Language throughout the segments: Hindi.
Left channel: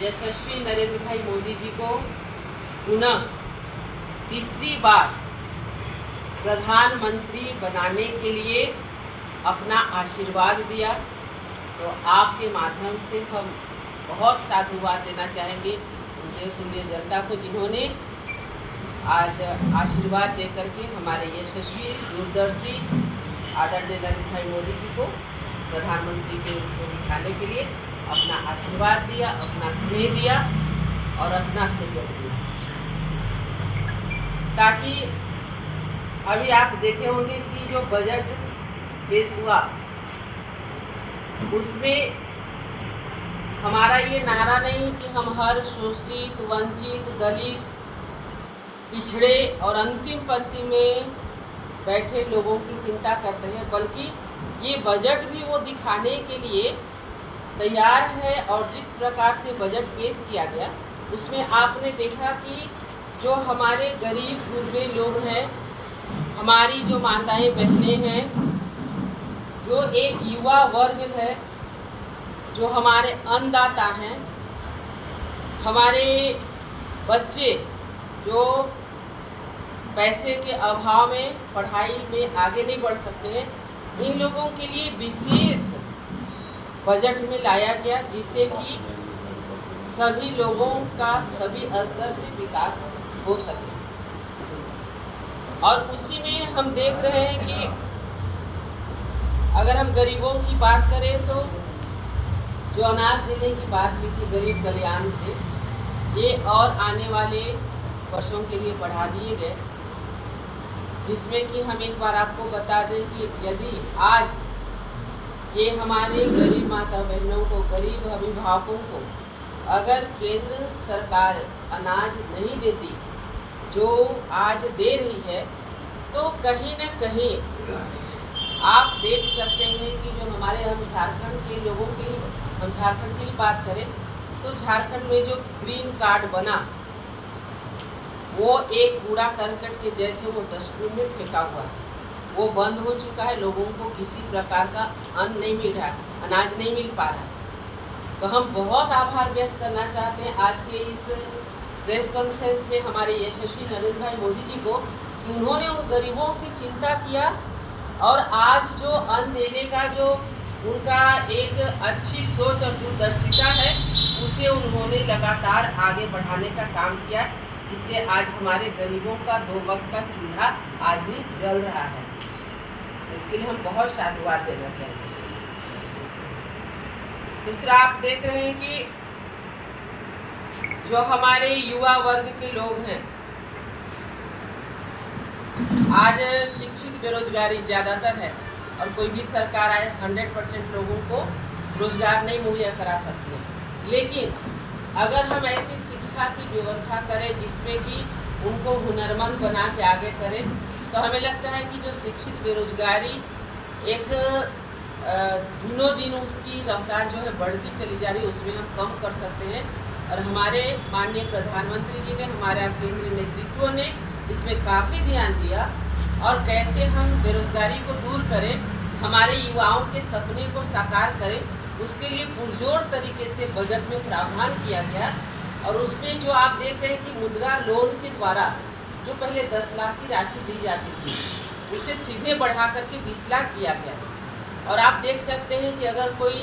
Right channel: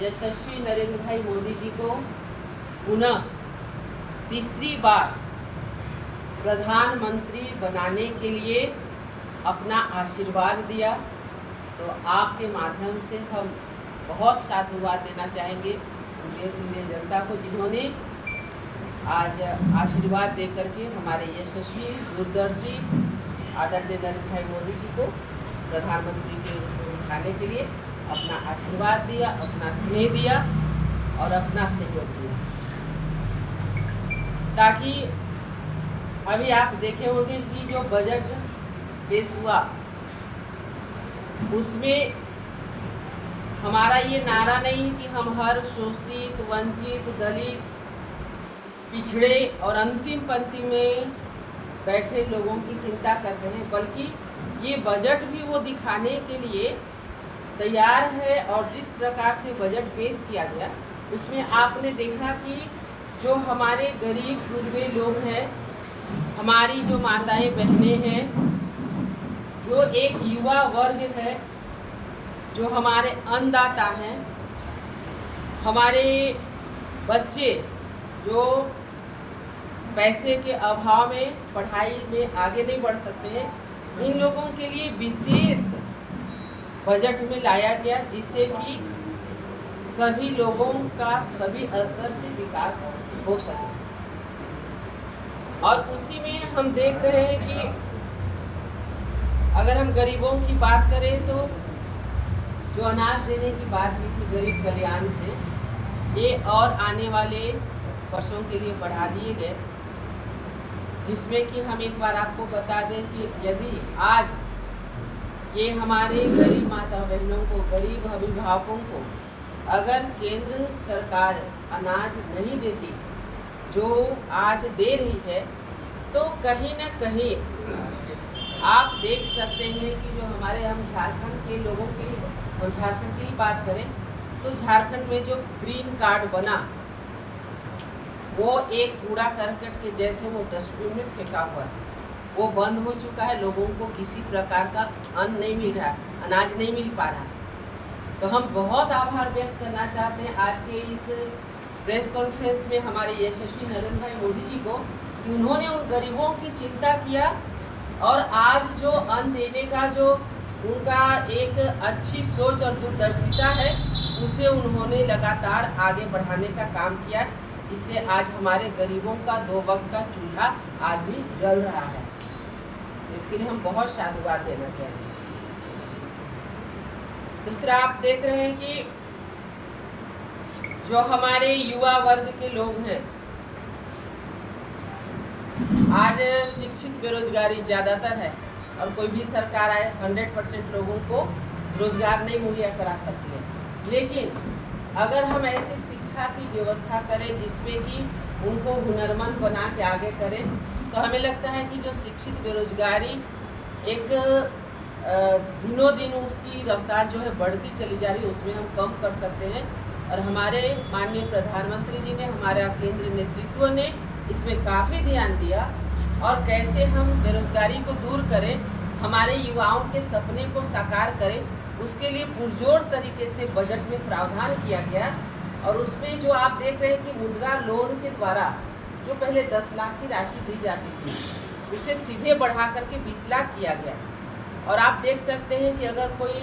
यशस्वी नरेंद्र भाई मोदी जी को पुनः तीसरी बार प्रधानमंत्री बनाने के लिए अपना आशीर्वाद दिया। तो आपके माध्यम से हम बहुत साधुवाद देना चाहेंगे उनके जनता को, जिन्होंने आज आशीर्वाद दे करके हमारे यशस्वी दूरदर्शी आदरणीय नरेंद्र भाई मोदी जी को प्रधानमंत्री के रूप में बिठाने के लिए अपना आशीर्वाद दिया, अपना स्नेह दिया और अपना सहयोग दिया। ताकि अभी आप देखे होंगे कि जो बजट पेश हुआ उसमें हमारा ये नारा नहीं कि हम हर शोषित, वंचित, दलित, पिछड़े और अंतिम पंक्ति में बैठे लोगों की चिंता करते हैं, बल्कि ये बजट भी वो दिखाने के लिए तैयार है। और जिस प्रकार से बजट पेश किया गया उसमें आपने देखा कि जो हमारे गरीब गुरबे लोग हैं, हमारी जो माताएं बहनें हैं, जो एक युवा वर्ग है, जो हमारे अन्नदाता हैं, हमारे बच्चे जो पैसे के अभाव में पढ़ाई में आगे नहीं बढ़ सकते हैं, इन लोगों के लिए विशेष बजट में लाया गया, जिससे कि सभी लोगों का सभी स्तर से विकास हो सके। और उसी में हम देख रहे हैं कि अगर हम गरीबों की बात करें तो जो अनाज देने की बात हुई थी गरीब कल्याण से, ये और आने वाले वर्षों के लिए बढ़ा दिए गए, जिसमें कि हम एक बार आपको बता दें कि यदि आज ये हमारे गरीब माता बहनों को, गरीब अभिभावकों को अगर केंद्र सरकार अनाज नहीं देती जो आज दे रही है, तो कहीं न कहीं आप देख सकते हैं कि जो हमारे हम झारखंड के लोगों के लिए, हम झारखंड की बात करें तो झारखंड में जो ग्रीन कार्ड बना वो एक कूड़ा करकट के जैसे वो डस्टबिन में फेंका हुआ है, वो बंद हो चुका है। लोगों को किसी प्रकार का अन्न नहीं मिल रहा है, अनाज नहीं मिल पा रहा है। तो हम बहुत आभार व्यक्त करना चाहते हैं आज के इस प्रेस कॉन्फ्रेंस में हमारे यशस्वी नरेंद्र भाई मोदी जी को, कि उन्होंने उन गरीबों की चिंता किया और आज जो अन्न देने का जो उनका एक अच्छी सोच और दूरदर्शिता है, उसे उन्होंने लगातार आगे बढ़ाने का काम किया, जिससे आज हमारे गरीबों का 2 वक्त का चूल्हा आज भी जल रहा है। इसके लिए हम बहुत साधुवाद देना चाहेंगे। दूसरा, आप देख रहे हैं कि जो हमारे युवा वर्ग के लोग हैं, आज शिक्षित बेरोजगारी ज़्यादातर है और कोई भी सरकार आए 100% लोगों को रोजगार नहीं मुहैया करा सकती है। लेकिन अगर हम ऐसी शिक्षा की व्यवस्था करें जिसमें कि उनको हुनरमंद बना के आगे करें, तो हमें लगता है कि जो शिक्षित बेरोजगारी एक दिनों दिन उसकी रफ्तार जो है बढ़ती चली जा रही है, उसमें हम कम कर सकते हैं। और हमारे माननीय प्रधानमंत्री जी ने, हमारा केंद्रीय नेतृत्व ने इसमें काफ़ी ध्यान दिया और कैसे हम बेरोजगारी को दूर करें, हमारे युवाओं के सपने को साकार करें, उसके लिए पुरजोर तरीके से बजट में प्रावधान किया गया। और उसमें जो आप देख रहे हैं कि मुद्रा लोन के द्वारा जो पहले 10 लाख की राशि दी जाती थी, उसे सीधे बढ़ा करके 20 लाख किया गया। और आप देख सकते हैं कि अगर कोई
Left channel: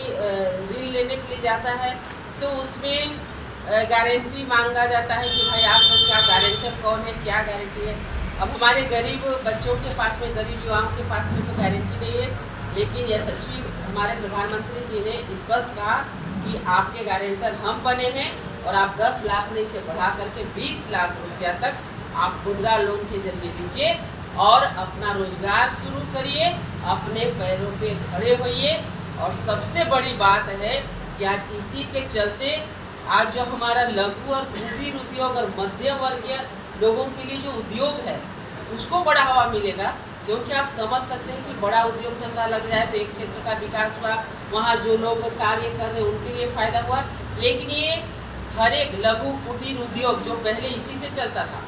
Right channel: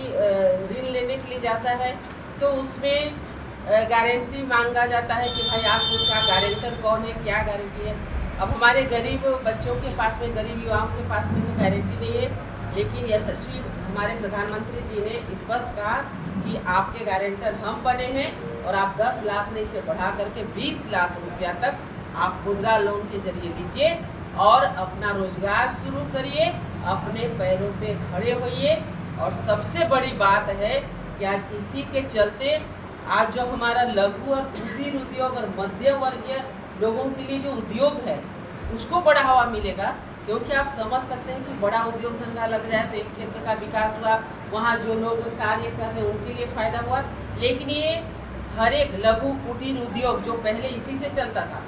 ऋण लेने के लिए जाता है तो उसमें गारंटी मांगा जाता है कि भाई आपका गारंटर कौन है, क्या गारंटी है। अब हमारे गरीब बच्चों के पास में, गरीब युवाओं के पास में तो गारंटी नहीं है, लेकिन यशस्वी हमारे प्रधानमंत्री जी ने स्पष्ट कहा कि आपके गारंटर हम बने हैं और आप 10 लाख नहीं से बढ़ा करके 20 लाख रुपया तक आप मुद्रा लोन के जरिए दीजिए और अपना रोजगार शुरू करिए, अपने पैरों पे खड़े होइए। और सबसे बड़ी बात है कि आज इसी के चलते आज जो हमारा लघु और कुटीर उद्योग और मध्यम वर्गीय लोगों के लिए जो उद्योग है उसको बढ़ावा मिलेगा, क्योंकि आप समझ सकते हैं कि बड़ा उद्योग धंधा लग जाए तो एक क्षेत्र का विकास हुआ, वहाँ जो लोग कार्य कर रहे हैं उनके लिए फ़ायदा हुआ। लेकिन ये हर एक लघु कुटीर उद्योग जो पहले इसी से चलता था,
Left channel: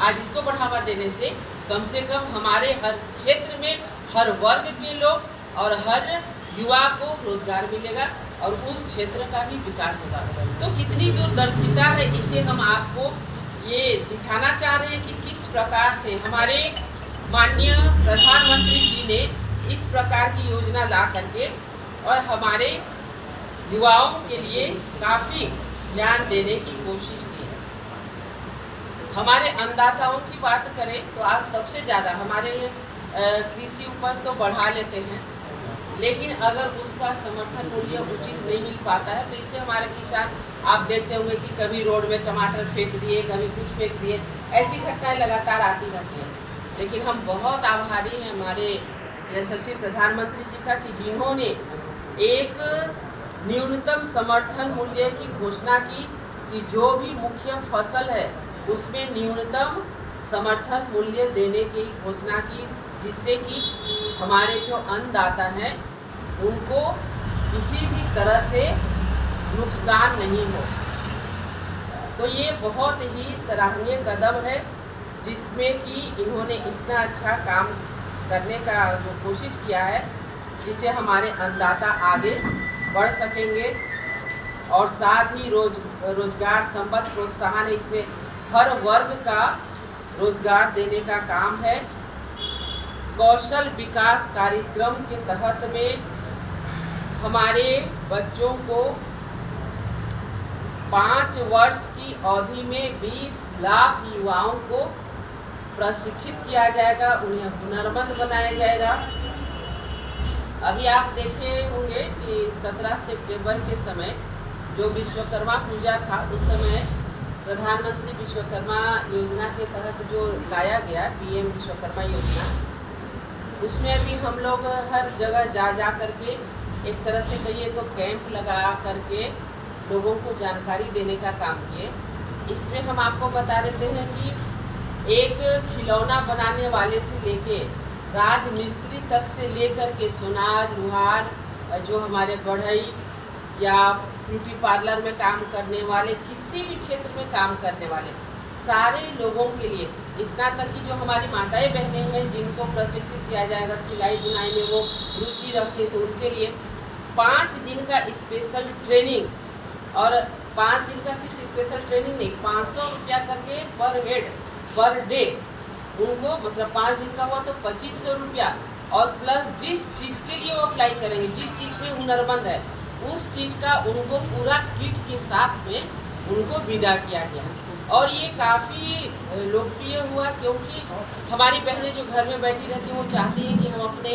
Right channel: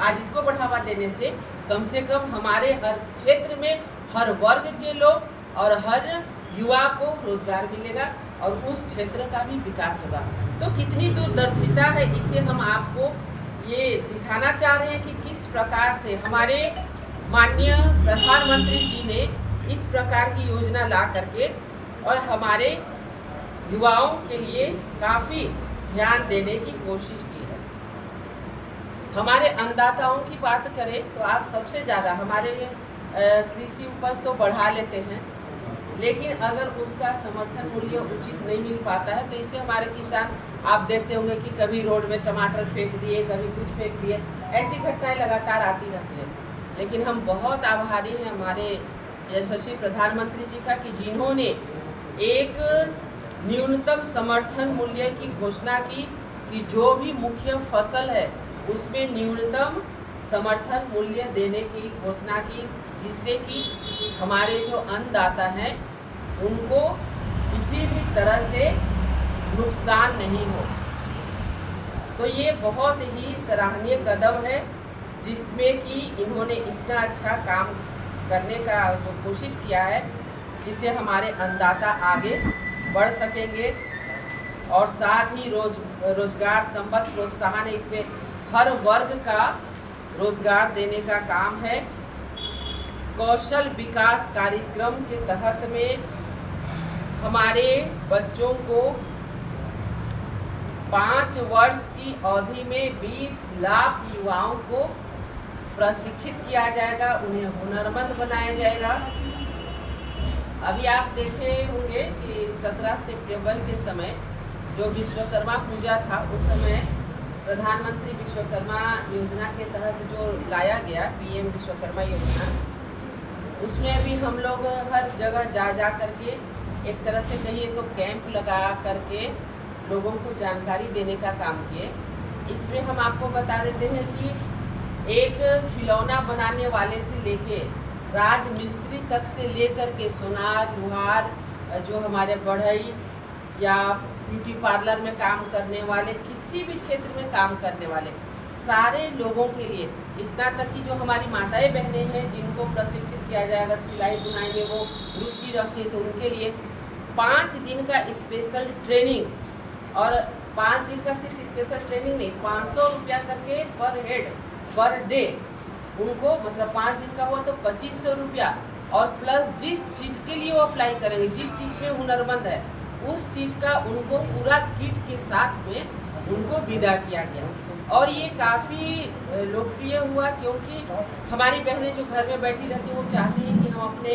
आज इसको बढ़ावा देने से कम हमारे हर क्षेत्र में हर वर्ग के लोग और हर युवा को रोजगार मिलेगा और उस क्षेत्र का भी विकास होगा। तो कितनी दूरदर्शिता है, इसे हम आपको ये दिखाना चाह रहे हैं कि किस प्रकार से हमारे माननीय प्रधानमंत्री जी ने इस प्रकार की योजना ला करके और हमारे युवाओं के लिए काफ़ी ध्यान देने की कोशिश की है। हमारे अन्नदाताओं की बात करें तो आज सबसे ज़्यादा हमारे कृषि उपज तो बढ़ा लेते हैं, लेकिन अगर उसका समर्थन मूल्य उचित नहीं मिल पाता है तो इससे हमारे किसान, आप देखते होंगे कि कभी रोड में टमाटर फेंक दिए, कभी कुछ फेंक दिए, ऐसी घटनाएं लगातार आती रहती हैं। लेकिन हम बहुत आभारी हैं हमारे यशस्वी प्रधानमंत्री जी का कि जिन्होंने एक न्यूनतम समर्थन मूल्य की घोषणा की कि जो भी मुख्य फसल है उसमें न्यूनतम समर्थन मूल्य देने की घोषणा की, जिससे कि हमारे जो अन्नदाता हैं उनको किसी भी तरह से नुकसान नहीं हो। तो ये बहुत ही सराहनीय कदम है जिसमें कि इन्होंने इतना अच्छा काम करने का जो कोशिश किया है, जिससे हमारे अन्नदाता आगे बढ़ सकेंगे और साथ ही रोजगार संबद्ध प्रोत्साहन है। इसमें हर वर्ग का रोजगार देने का काम है। कौशल विकास कार्यक्रम के तहत में हमारे बच्चों को 5 वर्ष की अवधि में 20 लाख युवाओं को प्रशिक्षित किया जाएगा, उन्हें हुनरमंद बनाया जाएगा। अभी आप देखे होंगे कि 17 सितंबर के समय जो विश्वकर्मा पूजा था, उस समय प्रधानमंत्री विश्वकर्मा योजना के तहत जो लाया गया पीएम विश्वकर्मा योजना, उसमें अभी हम लोग हर जगह जा करके एक तरह से कहिए तो कैंप लगा करके लोगों को जानकारी देने का काम किए। इसमें हम आपको बता देते हैं कि एक खिलौना बनाने वाले से लेके राजमिस्त्री तक से लेकर के सोनार, लोहार, जो हमारे बढ़ई या ब्यूटी पार्लर में काम करने वाले, किसी भी क्षेत्र में काम करने वाले सारे लोगों के लिए, इतना तक कि जो हमारी माताएं बहनें हैं जिनको प्रशिक्षित किया जाएगा सिलाई बुनाई में, वो रुचि रखें तो उनके लिए 5 दिन का स्पेशल ट्रेनिंग। और 5 दिन का सिर्फ स्पेशल ट्रेनिंग नहीं, 500 रुपया करके पर हेड पर डे उनको, मतलब 5 दिन का हुआ तो 2500 रुपया, और प्लस जिस चीज़ के लिए वो अप्लाई करेंगे, जिस चीज़ में हुनरमंद है उस चीज़ का उनको पूरा किट के साथ में उनको विदा किया गया। और ये काफ़ी लोकप्रिय हुआ क्योंकि हमारी बहनें जो घर में बैठी रहती हैं वो चाहती हैं कि हम अपने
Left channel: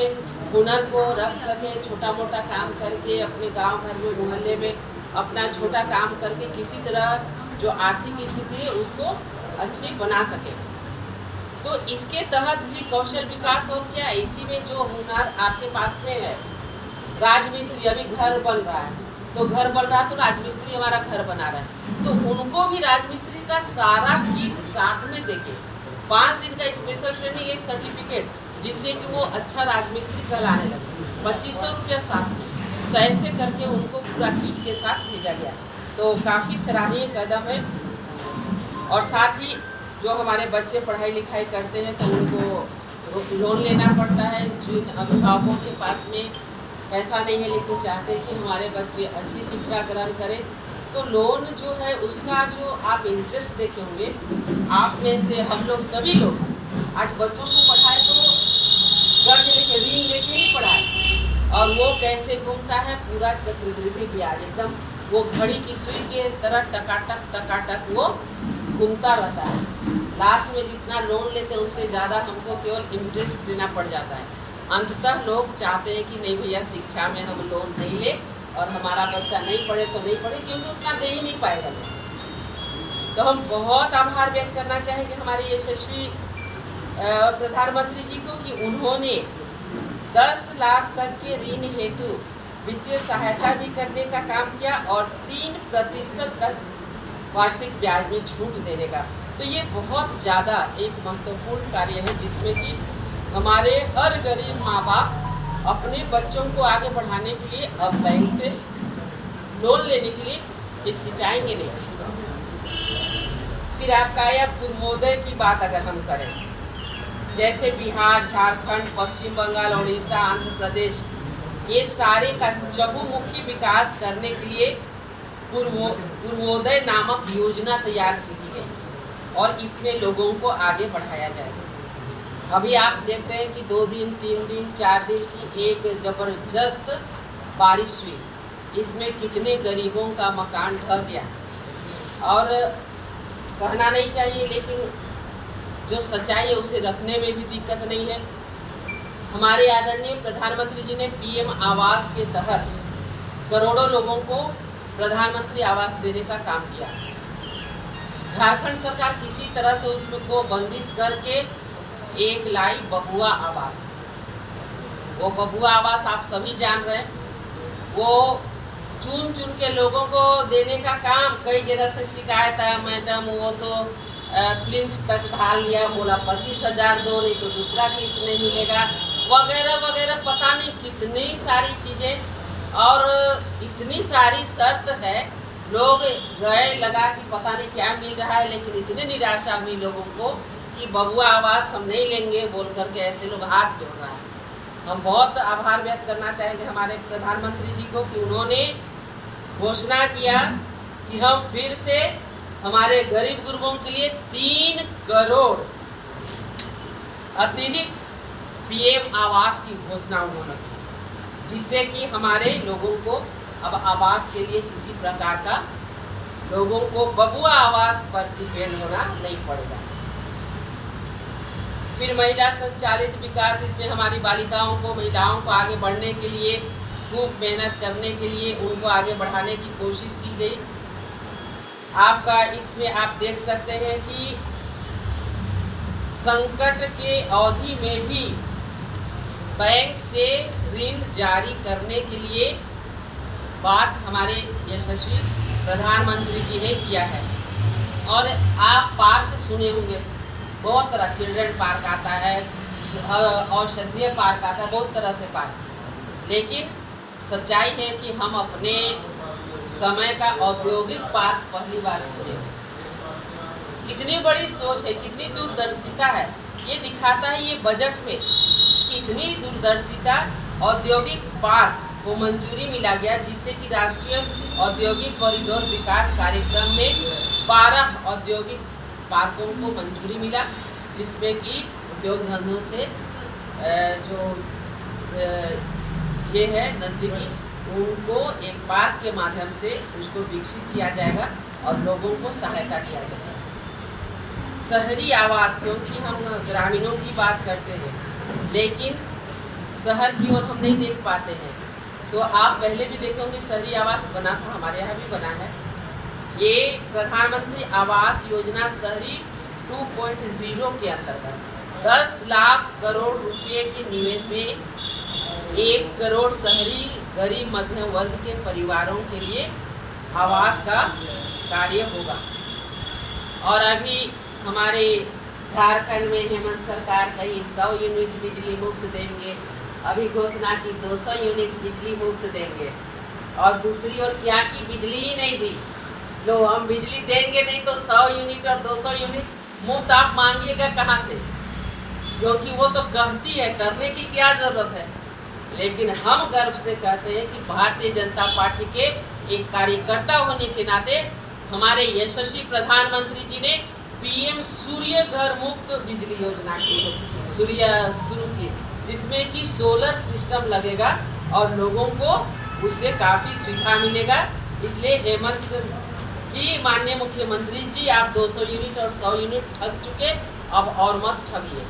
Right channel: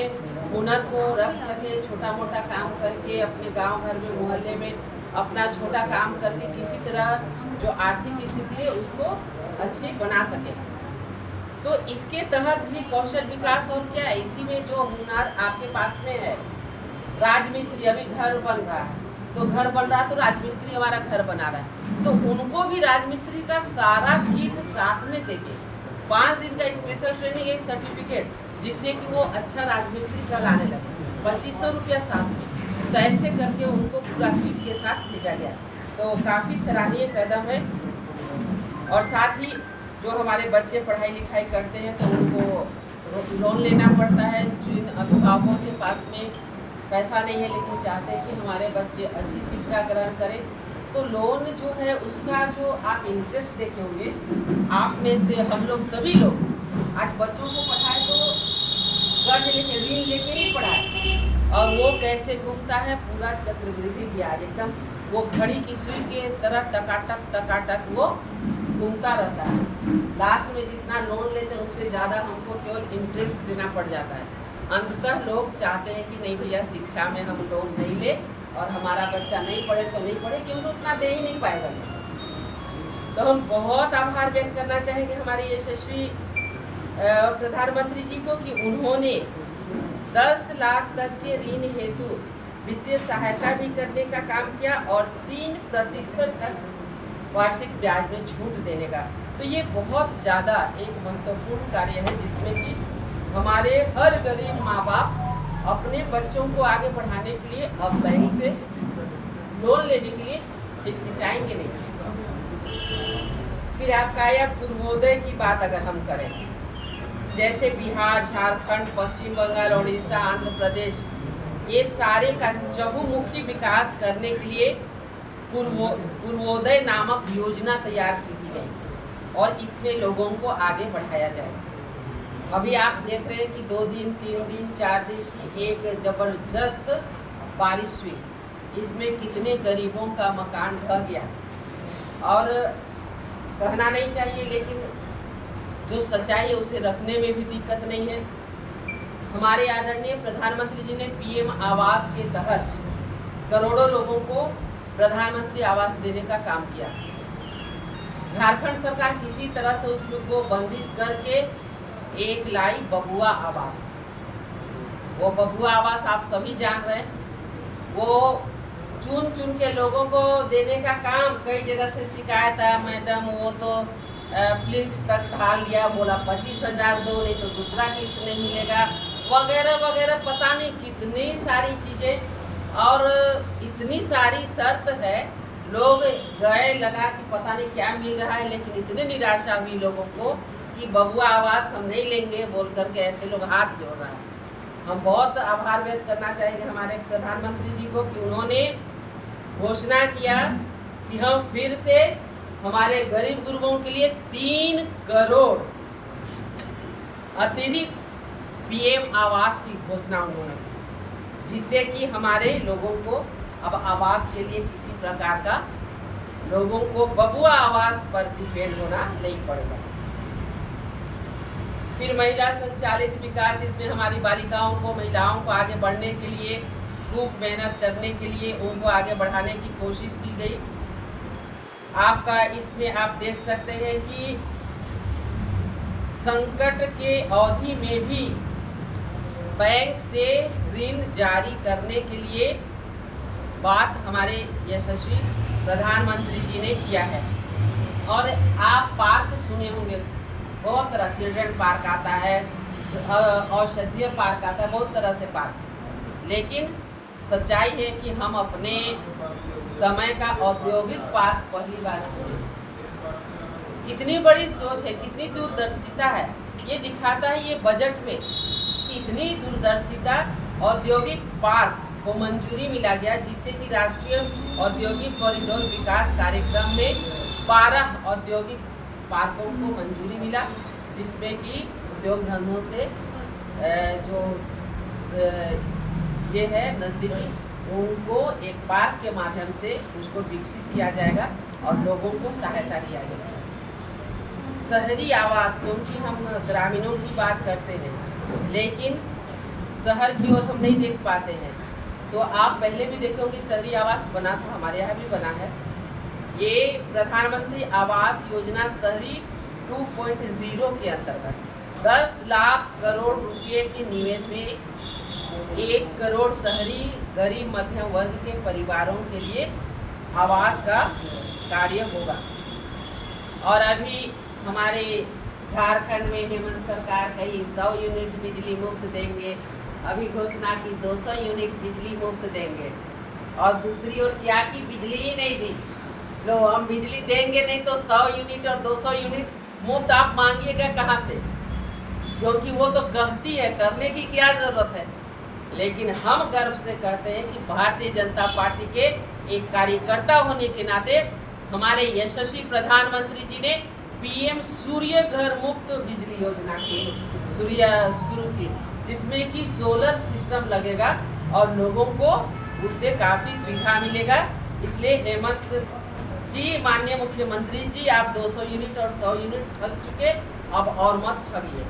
हुनर को रख सकें, छोटा मोटा काम करके अपने गांव घर में मोहल्ले में अपना छोटा काम करके किसी तरह जो आर्थिक स्थिति है उसको अच्छी बना सकें। तो इसके तहत भी कौशल विकास और क्या है, इसी में जो हुनर आपके पास में है, राजमिस्त्री अभी घर बन रहा है तो घर बन रहा है तो राजमिस्त्री हमारा घर बना रहा है, तो उनको भी राजमिस्त्री का सारा किट साथ में देके 5 दिन का स्पेशल ट्रेनिंग, एक सर्टिफिकेट, जिससे कि वो अच्छा राजमिस्त्री कहलाने लगे, 2500 रुपया साथ में। तो ऐसे करके उनको पूरा किट के साथ भेजा गया। तो काफ़ी सराहनीय कदम है। और साथ ही जो हमारे बच्चे पढ़ाई लिखाई करते हैं तो उनको लोन लेना पड़ता है। जिन अभिभावकों के पास में पैसा नहीं है लेकिन चाहते हैं कि हमारे बच्चे अच्छी शिक्षा ग्रहण करें, तो लोन जो है उसका जो आप इंटरेस्ट देखे होंगे, आप में से हम लोग सभी लोग आज बच्चों को पढ़ाए तो कर्ज लेके, ऋण लेके ही पढ़ाए, और वो कैसे घूमता है, पूरा चक्रवृद्धि ब्याज, एकदम वो घड़ी की सुई के तरह टकाटक वो घूमता रहता है। लास्ट में जितना लोन लेते हैं उससे ज़्यादा हमको केवल इंटरेस्ट देना पड़ जाता है। अंततः लोग चाहते हैं कि नहीं भैया शिक्षा में हम लोन नहीं ले और हमारा बच्चा नहीं पढ़े तो नहीं पढ़े, क्योंकि उतना दे ही नहीं पाएगा लोग। तो हम बहुत आभार व्यक्त करना चाहेंगे हमारे यशस्वी प्रधानमंत्री जी को कि उन्होंने 10 लाख तक के ऋण हेतु वित्तीय सहायता भी करने का काम किया और 3% तक वार्षिक ब्याज में छूट देने का। तो ये बहुत ज़्यादा एक महत्वपूर्ण कार्य है जिसमें कि हमारे हर गरीब माँ बाप अपने बच्चों को आगे बढ़ाने के लिए अब बैंक से लोन लेने के लिए हिचकिचाएंगे नहीं। फिर आपका आया पूर्वोदय की बात अगर हम करें, जैसे बिहार, झारखंड, पश्चिम बंगाल, उड़ीसा, आंध्र प्रदेश, ये सारे का चहुमुखी विकास करने के लिए पूर्वोदय नामक योजना तैयार की गई और इसमें लोगों को आगे बढ़ाया जाएगा। अभी आप देख रहे हैं कि 2 दिन 3 दिन 4 दिन की एक ज़बरदस्त बारिश हुई, इसमें कितने गरीबों का मकान ढह गया। और कहना नहीं चाहिए, लेकिन जो सच्चाई है उसे रखने में भी दिक्कत नहीं है। हमारे आदरणीय प्रधानमंत्री जी ने पीएम आवास के तहत करोड़ों लोगों को प्रधानमंत्री आवास देने का काम किया। झारखंड सरकार किसी तरह से उसको बंदिश करके एक लाई बबुआ आवास। वो बबुआ आवास आप सभी जान रहे हैं, वो चुन चुन के लोगों को देने का काम। कई जगह से शिकायत है, मैडम वो तो फिल्म तक ढाल लिया, बोला 25,000 दो, नहीं तो दूसरा किस्त नहीं मिलेगा, वगैरह वगैरह, पता नहीं कितनी सारी चीज़ें और इतनी सारी शर्त है। लोग गए लगा कि पता नहीं क्या मिल रहा है, लेकिन इतनी निराशा हुई लोगों को कि बबुआ आवास हम नहीं लेंगे बोल करके ऐसे लोग हाथ जोड़ रहा है। हम बहुत आभार व्यक्त करना चाहेंगे हमारे प्रधानमंत्री जी को कि उन्होंने घोषणा किया कि हम फिर से हमारे गरीब गुरबों के लिए 3 करोड़ अतिरिक्त पीएम आवास की घोषणा उन्होंने की, जिससे कि हमारे लोगों को अब आवास के लिए किसी प्रकार का लोगों को बबुआ आवास पर डिपेंड होना नहीं पड़ेगा। फिर महिला संचालित विकास, इसमें हमारी बालिकाओं को, महिलाओं को आगे बढ़ने के लिए, खूब मेहनत करने के लिए उनको आगे बढ़ाने की कोशिश की गई। आपका इसमें आप देख सकते हैं कि संकट के अवधि में भी बैंक से ऋण जारी करने के लिए बात हमारे यशस्वी प्रधानमंत्री जी ने किया है। और आप पार्क सुने होंगे, बहुत तरह, चिल्ड्रन पार्क आता है, औषधीय पार्क आता है, बहुत तरह से पार्क। लेकिन सच्चाई है कि हम अपने समय का औद्योगिक पार्क पहली बार सुने। कितनी बड़ी सोच है, कितनी दूरदर्शिता है, ये दिखाता है ये बजट में इतनी दूरदर्शिता। औद्योगिक पार्क को मंजूरी मिला गया, जिससे कि राष्ट्रीय औद्योगिक कॉरिडोर विकास कार्यक्रम में 12 औद्योगिक पार्कों को मंजूरी मिला, जिसमें कि उद्योग धंधों से जो ये है नज़दीकी, उनको एक पार्क के माध्यम से उसको विकसित किया जाएगा और लोगों को सहायता किया जाएगा। शहरी आवास, क्योंकि हम ग्रामीणों की बात करते हैं लेकिन शहर की ओर हम नहीं देख पाते हैं, तो आप पहले भी देखे होंगे शहरी आवास बना था, हमारे यहाँ भी बना है। ये प्रधानमंत्री आवास योजना शहरी 2.0 के अंतर्गत 10 लाख करोड़ रुपए के निवेश में 1 करोड़ शहरी गरीब मध्यम वर्ग के परिवारों के लिए आवास का कार्य होगा। और अभी हमारे झारखंड में हेमंत सरकार कही 100 यूनिट बिजली मुफ्त देंगे, अभी घोषणा की 200 यूनिट बिजली मुफ्त देंगे, और दूसरी ओर क्या की बिजली ही नहीं दी। लो, हम बिजली देंगे नहीं तो 100 यूनिट और 200 यूनिट मुफ्त आप मांगिएगा कहाँ से? क्योंकि वो तो कहती है, करने की क्या ज़रूरत है। लेकिन हम गर्व से कहते हैं कि भारतीय जनता पार्टी के एक कार्यकर्ता होने के नाते हमारे यशस्वी प्रधानमंत्री जी ने पीएम सूर्य घर मुफ्त बिजली योजना की शुरू की, जिसमें कि सोलर सिस्टम लगेगा और लोगों को उससे काफ़ी सुविधा मिलेगा। इसलिए हेमंत जी, माननीय मुख्यमंत्री जी, आप 200 यूनिट और 100 यूनिट ठग चुके, अब और मत ठगिए।